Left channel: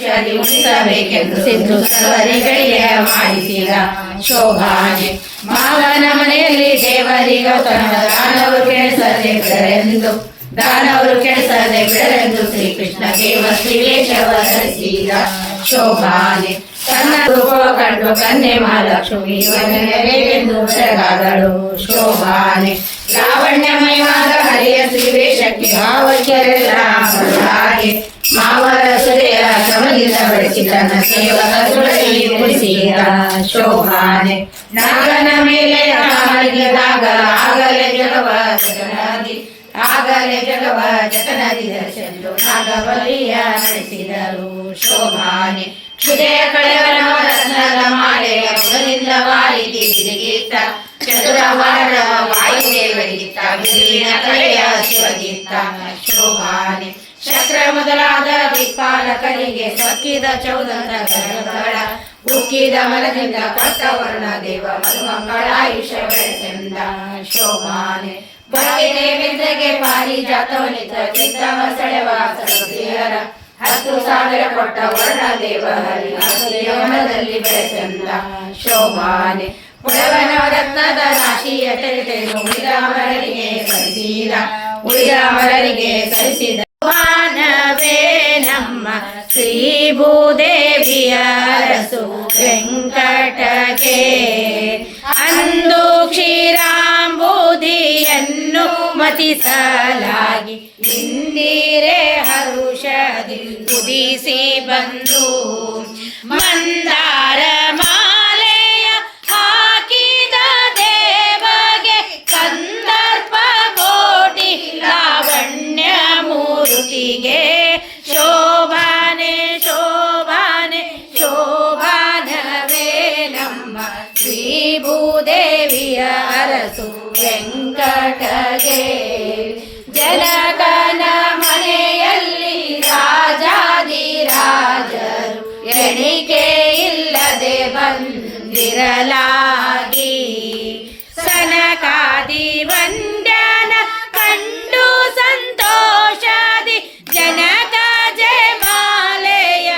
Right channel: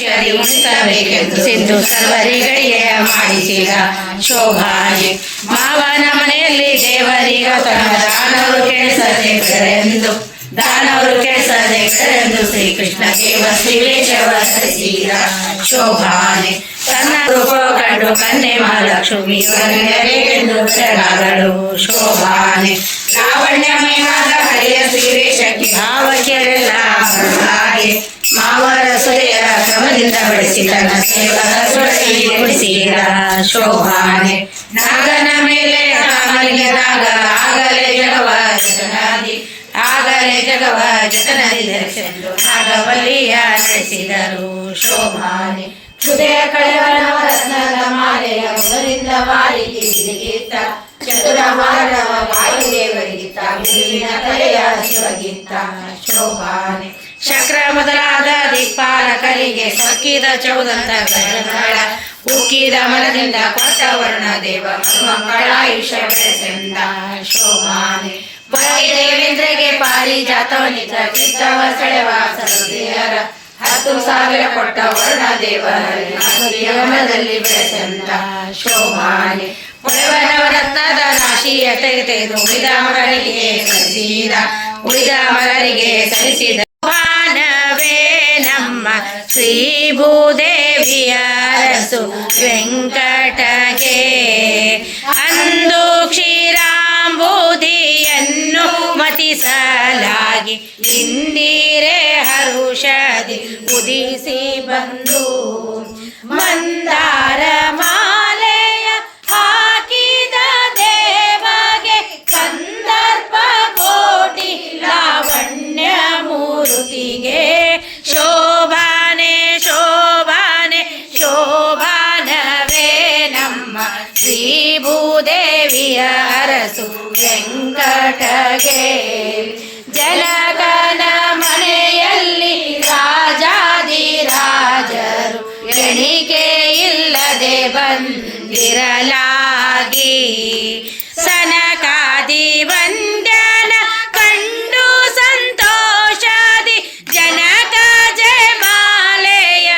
ಉಣಿಸಬೇಕೆಂದು ಸಿಂಧು ಸರ್ವರಿಗಳಿಗೆ ಮಾಡಿಸಿದ ಶೋಭಾನೆ. ಮಾವನ ಮನೆಯಲ್ಲಿ ದೇವರಿಗ ದಾನವರು ಕೆಣಿಸದೆಂದು ಶ್ರೀಕೃಷ್ಣ ದೇವ ಶ್ರೀವೇಶವ ಧರಿಸಿದ ಶೋಭಾನೆ. ತನ್ನ ರೂಪ ಕಂಡು ಕನ್ನೆ ಮಹಾಲಕ್ಷ್ಮಿ ಎಂದು ಹೆಸರಾದಳು ಶೋಭಾನೆ. ಲಾವಣ್ಯಮಯವಾದ ಹರಿಯ ಶ್ರೀವೇಶಕ್ಕೆ ಭಾವಕ್ಕೆಲ್ಲ ಹಾಗೆ ಮಾವರ ಸುರೆಯರ ಕ್ರಮದಿಂದ ಬೆಳೆಸಿ ತನ್ನ ಸೇವಕ ಸುಳಿಸಿದ ಶೋಭಾನೆ. ನಾಗನ ಮೇಲೆ ಮಲಗಿದಾಗ ಆಗಲೇ ಜಗವ ಜತನದಿ ಧರಿಸೆಂದು ನಾಗವಲ್ಲಿಯ ನಡೆಸಿದರು ಶೋಭಾನೆ. ಹೃದಯ ಕಳೆವನ ರತ್ನದ ಮಾಲೆಯ ಮೊದಲಿಂದ ವಾರಿದಿ ಗೀತ ಚತುರವಾರ ವಾಯುದೇವರಿಗಿತ್ತ ಬಿರುವಿನ ಕಲೆಯ ಶಿವಗೀತ ಶೋಭಾನೆ. ಶಕ್ರ ಮೊದಲಾದ ದಿಕ್ಪಾಲಕರಿಗೆ ಸೊಕ್ಕಿದ ಚೌದಂತ ಗಜಗಳ ಉಕ್ಕಿದ ಮರದಿಂದ ಕೊಟ್ಟ ವರ್ಣ ದೇವ ಮಕ್ಕಳಾಯುಷ ಬೆಳೆಸೆಂದ ಶೋಭಾನೆ. ದೇವೇಂದ್ರಗೆ ಪಾರಿಜಾತವನಿತ ಕಿತ್ತವ ಸೆಳೆವ ಸರದಿಯರ 10,000 ಕೊಟ್ಟ ವರ್ಣ ದೇವರಲ್ಲಿ ಬೆಳೆಸೆಂದ ಶೋಭಾನೆ. ಪುಳವನ ರತ್ನದ ರಾಶಿಯ ತೆಗೆದು ಉಳಿದ ಮಗನಿಗೆ ಸರಿಸಿದ ಮಾನವೇ ನಮ್ಮ ಶ್ರೀ ಭೂದೇವಿಯ ಅರಸು ವೆಂಕಟಗೆ ಅಂದು ಕ್ಷೀರಾಂಬುದಿಯನ್ನು ಮತಿಸಲಾಗಿ ಇಂದಿರೆ ಹರುಷದಿ ಉದಿಸಿ ಬಂದು ಮಂದಾರ ಮಾಲೆಯ ಹಾಕಿದ ದೇವಗೆ ಕಂದರ್ಪ ಕೋಟಿ ಲಾವಣ್ಯ ಮೂರ್ತಿಗೆ ಶೋಭಾನೆ ಶೋಭಾನೆ ಶೋಭಾನವೇ ನಮ್ಮ ಶ್ರೀ ಭೂದೇವಿಯ ಅರಸು ವೆಂಕಟಗೆ. ಜನಗನ ಮನೆಯಲ್ಲಿ ರಾಜಾದಿರಾಜರು ಎಣಿಕೆ ಇಲ್ಲದೆ ಬಂದಿರಲಾಗಿ ಸನಕಾದಿ ವಂದ್ಯನ ಕಂಡು ಸಂತೋಷದಿ ಜನಕ ಜಯಮಾಲೆಯ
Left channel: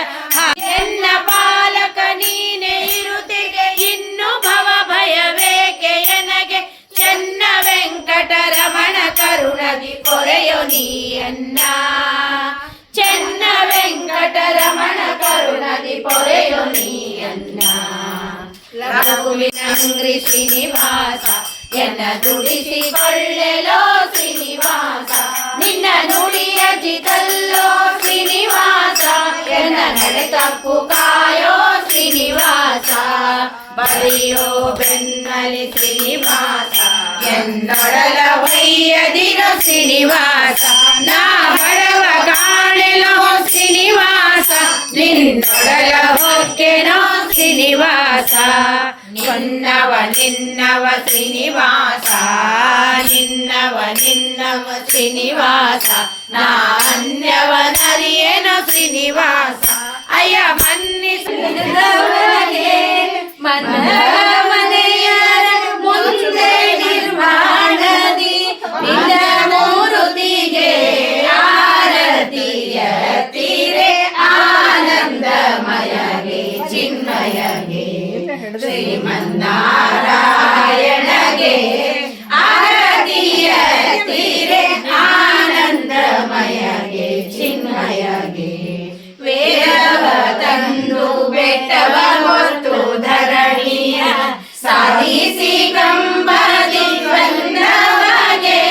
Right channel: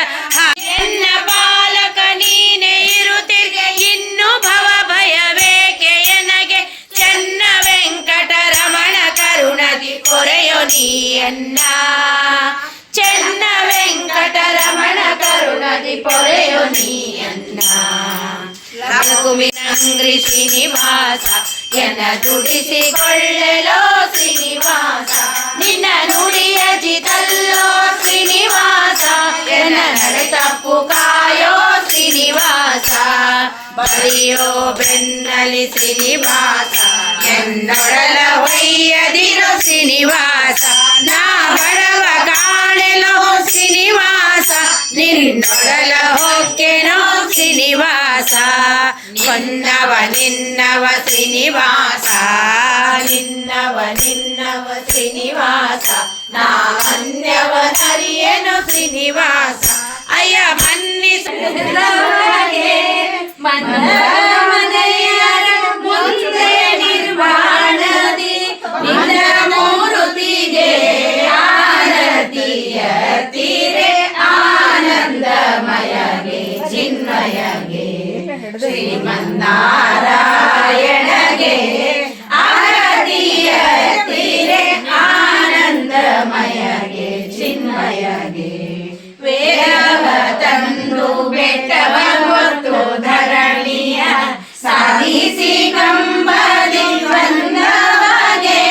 ಎನ್ನ ಪಾಲಕ ನೀನೆ ಇರುತ್ತಿದೆ ಇನ್ನು ಭವ ಭಯವೇಕೆ ಎನಗೆ ಚೆನ್ನ ವೆಂಕಟರಮಣ ಕರುಣದಿ ಕೊರೆಯೋ ನೀಯನ್ನ ಚೆನ್ನ ವೆಂಕಟರಮಣ ಕರುಣದಿ ಪೊರೆಯೋ ನೀಯನ್ನ. ಲಘುಮಿನಂಗ್ರಿ ಶ್ರೀನಿವಾಸ ಎನ್ನ ದುಡಿಸಿಕೊಳ್ಳಲೋ ಶ್ರೀನಿವಾಸ ನಿನ್ನ ನುಡಿಯ ಜಿತಲ್ಲೋ ಶ್ರೀನಿವಾಸ ಎನ್ನ ನಡೆ ತಪ್ಪು ಕಾಯೋ ಶ್ರೀನಿವಾಸ ಬರೆಯೋ ಬೆನ್ನಲಿ ಶ್ರೀನಿವಾಸ ಎನ್ನೊಡಲ ಹೊಯ್ಯದಿರೋ ಶ್ರೀನಿವಾಸ ನಾ ಬಡವ ಕಾಣೆಲೋ ಶ್ರೀನಿವಾಸ ನಿನ್ನೊಡಲ ಹೊಕ್ಕೆನೋ ಶ್ರೀನಿವಾಸ ಹೊನ್ನವ ನಿನ್ನವ ಶ್ರೀನಿವಾಸ ನಿನ್ನವ ಶ್ರೀನಿವಾಸ ನಾ ಅನ್ಯವ ನರಿಯೇನೋ ಶ್ರೀನಿವಾಸ ಅಯ್ಯ ಮನ್ನಿಸ ಮನೆಯರ ಮುಂದೆ ನಿರ್ವಾಣದಿ ನಿನ್ನ ಮೂರುತಿಗೆ ಆರತಿಯ ತೀರೆ ಆನಂದಮಯಗೆ ಚಿನ್ಮಯಗೆ ಶ್ರೀಮನ್ನಾರಾಯಣಗೆ ಆರತಿಯ ತೀರೆ ಆನಂದಮಯಗೆ ಚಿನ್ಮಯಗೆ. ವೇದವ ತಂದು ಬೆಟ್ಟವ ಹೊತ್ತು ಧರಣಿಯ ಸಾಧಿಸಿ ಕಂಬದಿ ಬಂದವಗೆ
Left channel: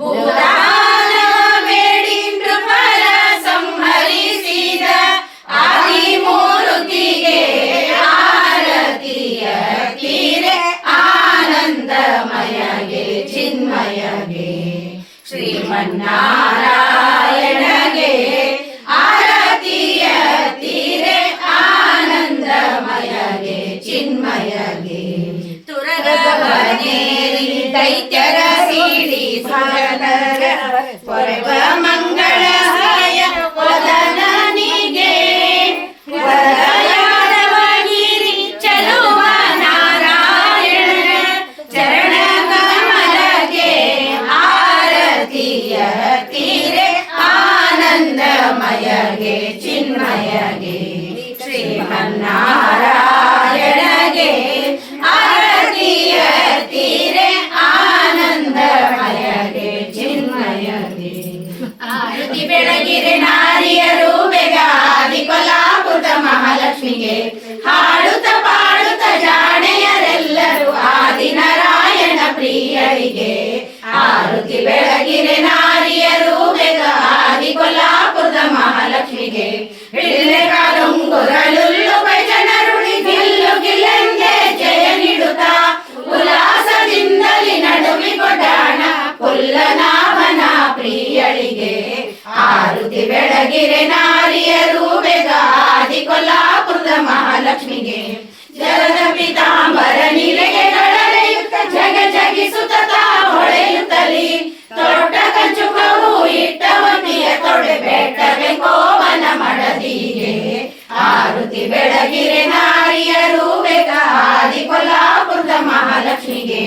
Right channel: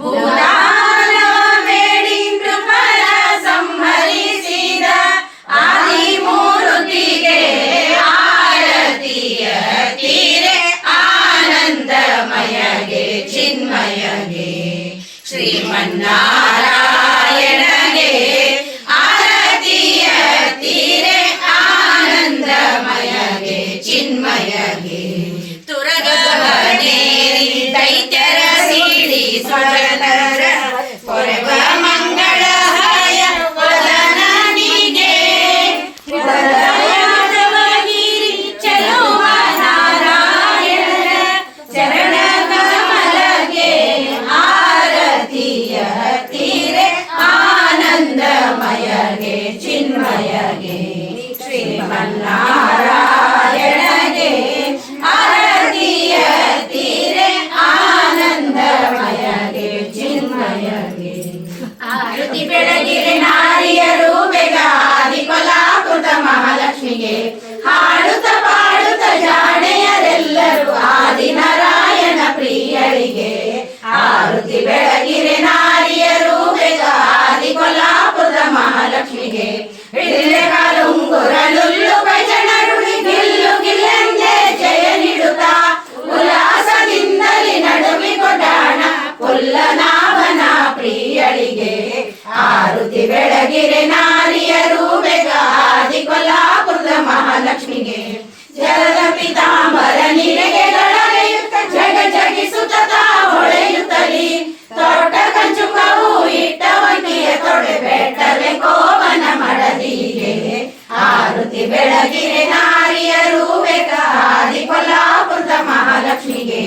ಭೂದಾನ ಬೇಡಿ ನೃಪರ ಸಂಹರಿಸಿದ ಆದಿಮೂರ್ತಿಗೆ ಆರತಿಯ ತೀರೆ ಆನಂದಮಯಗೆ ಚಿನ್ಮಯಗೆ ಶ್ರೀಮನ್ನಾರಾಯಣಗೆ ಆರತಿಯ ತೀರೆ ಆನಂದ ಶ್ರೀಮನ್ನಾರಾಯಣಗೆ ಆರತಿಯ ತೀರೆ ಆನಂದಮಯಗೆ ಚಿನ್ಮಯಗೆ ಆರತಿ ಬೆಳಗಿರೆ ನಾರಿಯರು ಬೇಗ ಆದಿ ಕೊಲ್ಲಾಪುರದ ಮಹಾಲಕ್ಷ್ಮಿಗೆ ಹಾಡುತ್ತ ಪಾಡುತ್ತ ಜಾಣೆಯರೆಲ್ಲರೂ ಆದಿನಾರಾಯಣ ಪ್ರಿಯರಿಗೆ ಆರತಿ ಬೆಳಗಿರೆ ನಾರಿಯರು ಬೇಗ ಆದಿ ಕೊಲ್ಲಾಪುರದ ಮಹಾಲಕ್ಷ್ಮಿಗೆ ಹಿಡಿಲೆ ಕಾಲುಂಗುರಲುಲ್ಲು ಜನರುಳಿ ಗಿಲ್ಲು ಗಿಲ್ಲೆಂದೇ ಜಯ ನೀಡುತ್ತಾ ಉಲ್ಲಾಸದಿಂದಲಿ ನಡುವಿ ಕೊಡಾಣ ಪುಲ್ಲನಾಭನ ಪ್ರಿಯಳಿಗೆ ಆರತಿ ಬೆಳಗಿರೆ ನಾರಿಯರು ಬೇಗ ಆದಿ ಕೊಲ್ಲಾಪುರದ ಮಹಾಲಕ್ಷ್ಮಿಗೆ ಜಗದ ಪಿತಾಂಬರ ನಿಲೆಗೆಗಳರೆಯುತ್ತ ಜಗ ಜಗಿಸುತ್ತ ಹೊಳೆಯುತ್ತಲಿ ತೋಟ ಕಂಚುಕವು ಇಟ್ಟವನಿಯ ತೊಡೆ ಬೆಟ್ಟವೆ ಕೋಮನ ಮಡದಿಗೆ ಆರತಿ ಬೆಳಗಿರೆ ನಾರಿಯರು ಬೇಗ ಆದಿ ಕೊಲ್ಲಾಪುರದ ಮಹಾಲಕ್ಷ್ಮಿಗೆ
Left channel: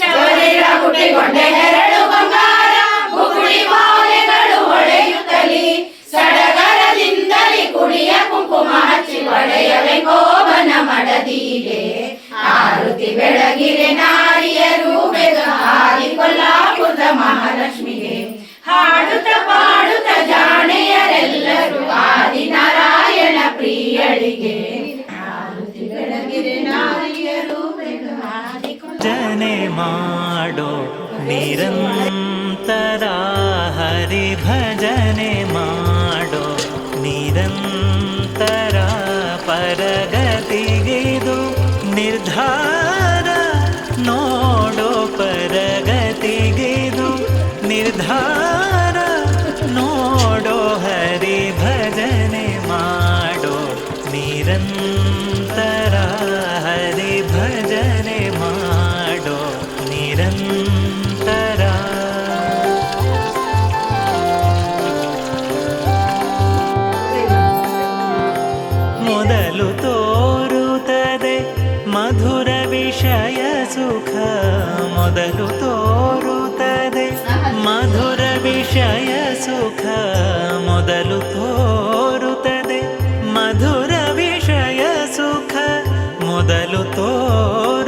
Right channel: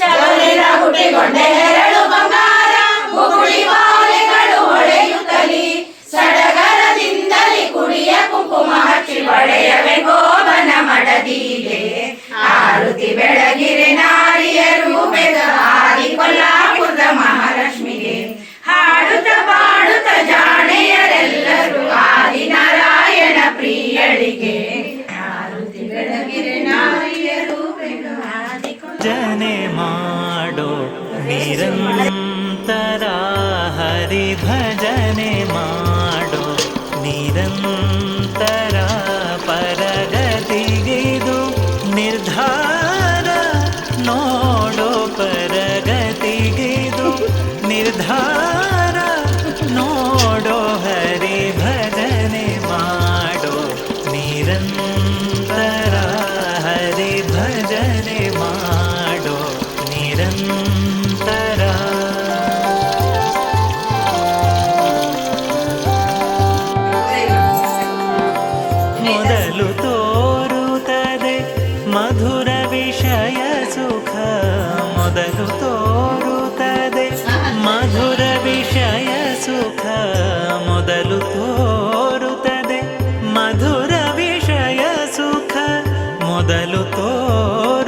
ಚವರಿನ ಹುಟ್ಟಿಗೊಂಡೆ ಹೆರಳು ಬಂಗಾರ ಬುಗುಳಿ ಮಾಲೆಗಳು ಹೊಳೆಯುತ್ತಲಿ ಸಡಗರದಿಂದಲಿ ಕುಡಿಯ ಕುಂಕುಮ ಹಚ್ಚಿ ಒಡೆಯವೆ ಕೋಮನ ಮಡದಿಗೆ ಆರತಿ ಬೆಳಗಿರೆ ನಾರಿಯರು ಬೇಗ ಆದಿ ಕೊಲ್ಲಾಪುರದ ಮಹಾಲಕ್ಷ್ಮಿಗೆ ಹಾಡುತ್ತ ಪಾಡುತ್ತ ಜಾಣೆಯರೆಲ್ಲರೂ ಆದಿನಾರಾಯಣ ಪ್ರಿಯಳಿಗೆ ಆರತಿ ಬೆಳಗಿರೆ ನಾರಿಯರು ಬೇಗ ಆದಿ ಭಜನೆ ಮಾಡೋ ನಿರಂತರ ಹರಿ ಭಜನೆ ಮಾಡೋ ನಿರಂತರ ಪರಗತಿಗಿದು ನಿರ್ಧಾರ ನೋಡೋ ಪರಗತಿಗಿದು ನಿರ್ಧಾರ ನೋಡೋ ಹರಿ ಭಜನೆ ಮಾಡೋ ನಿರಂತರ ಹರಿ ಭಜನೆ ಮಾಡೋ ನಿರಂತರ ಮೊದಲು ತೋರುತ್ತದೆ ಮಧುರ ವಿಷಯ ಸುಖ ಮೊದಲು ತೋರುತ್ತದೆ ಮಧುರ ವಿಷಯ ಸುಖ ಮೊದಲು ತೋರುತ್ತದೆ ಮಧುರ ವಿಷಯ ಸುಖ ಮೊದಲು ತೋರುತ್ತದೆ